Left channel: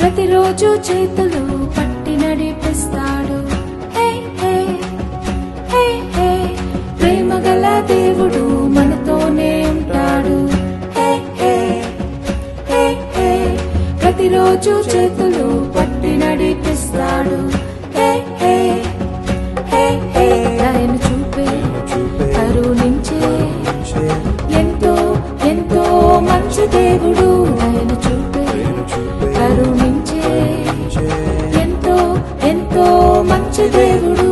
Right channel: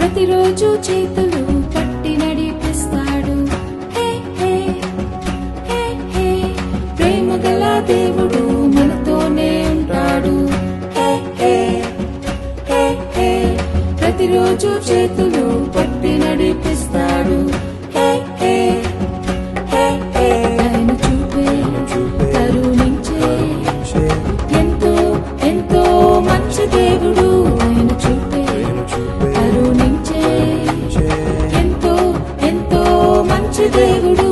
ప్రతిరోజు చేతులు పట్టి నడిపిస్తాడు. ప్రేమ గల దేవుడు మనతోనే ఉంటాడు. ప్రతిరోజు చేతులు పట్టి నడిపిస్తాడు. కరుణించే ఎంతో ఎంతో మంచి దేవుడు. ఎంతో ఎంతో మంచి దేవుడు.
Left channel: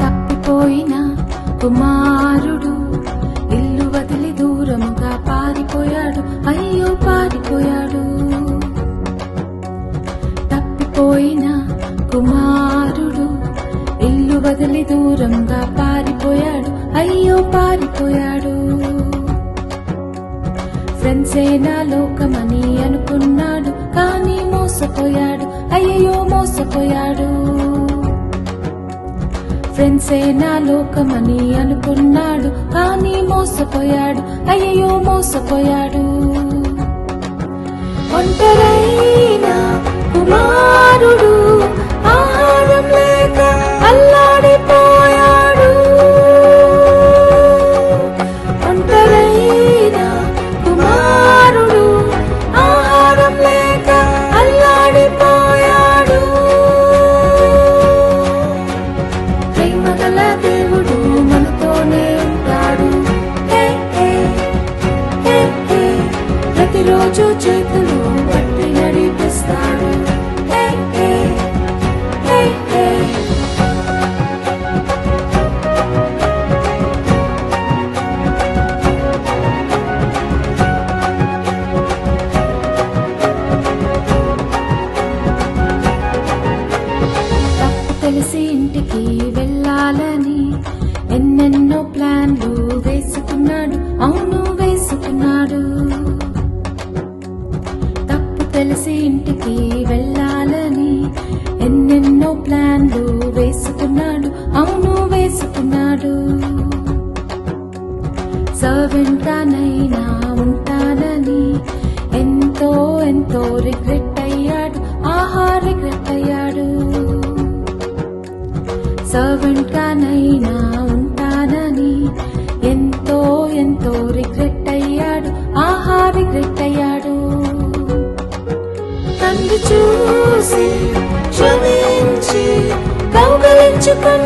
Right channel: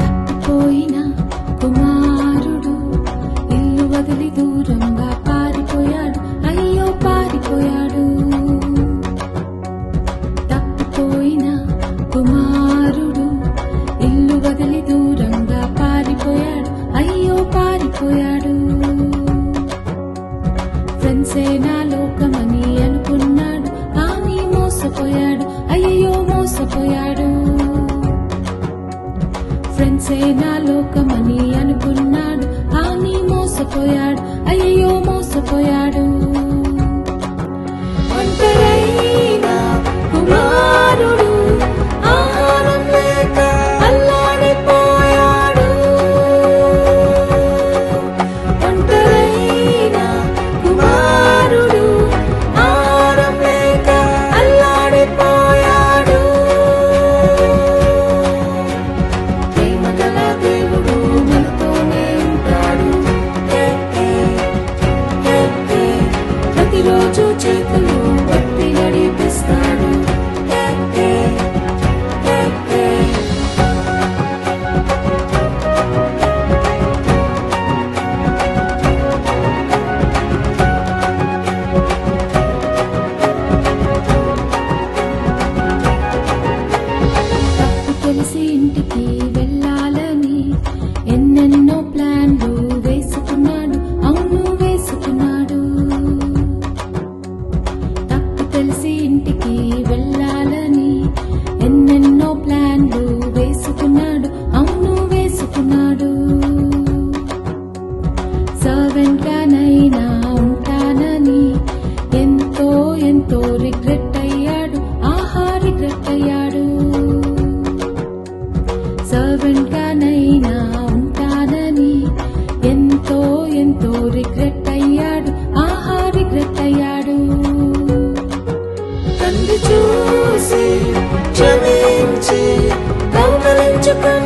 తప్పిపోయిన కుమారుడు ఇల్లు వదిలి దూరంగా పారిపోయాడు. అయ్యో పారిపోయాడు. తప్పిపోయిన కుమారుడు ఇల్లు వదిలి దూరంగా పారిపోయాడు. అయ్యో పారిపోయాడు. ఫ్రెండ్సే నా లోకమని అనుకున్నాడు, కానీ మోసపోయాడు. అయ్యో మోసపోయాడు. ఫ్రెండ్సే నా లోకమని అనుకున్నాడు, కానీ మోసపోయాడు. అయ్యో మోసపోయాడు. ఒంటరైన కుమారుడు ఆహారం లేక అల్లాడిపోయాడు. ఒంటరైన కుమారుడు ఆహారం లేక అల్లాడిపోయాడు. ప్రేమ గల దేవుడు మనతోనే ఉంటాడు. ప్రతిరోజు చేతులు పట్టి నడిపిస్తాడు. కలిసి ఇంటికి వెళ్ళాలని ఎన్నెన్నో ప్లాన్లు వేసుకున్నాడు. అవును వేసుకున్నాడు. తప్పు తెలిసి ఇంటికి వెళ్ళాలని ఎన్నెన్నో ప్లాన్లు వేసుకున్నాడు. అవును వేసుకున్నాడు. సర్వెంట్ గానైనా ఉంటానని ఎంతో ఎంతో రిగ్రెట్ అయ్యాడు. ఆహా రిగ్రెట్ అయ్యాడు. సర్వెంట్ గానైనా ఉంటానని ఎంతో ఎంతో రిగ్రెట్ అయ్యాడు. ఆహా రిగ్రెట్ అయ్యాడు. తండ్రి చూసి క్షమించి కౌగలించుకున్నాడు.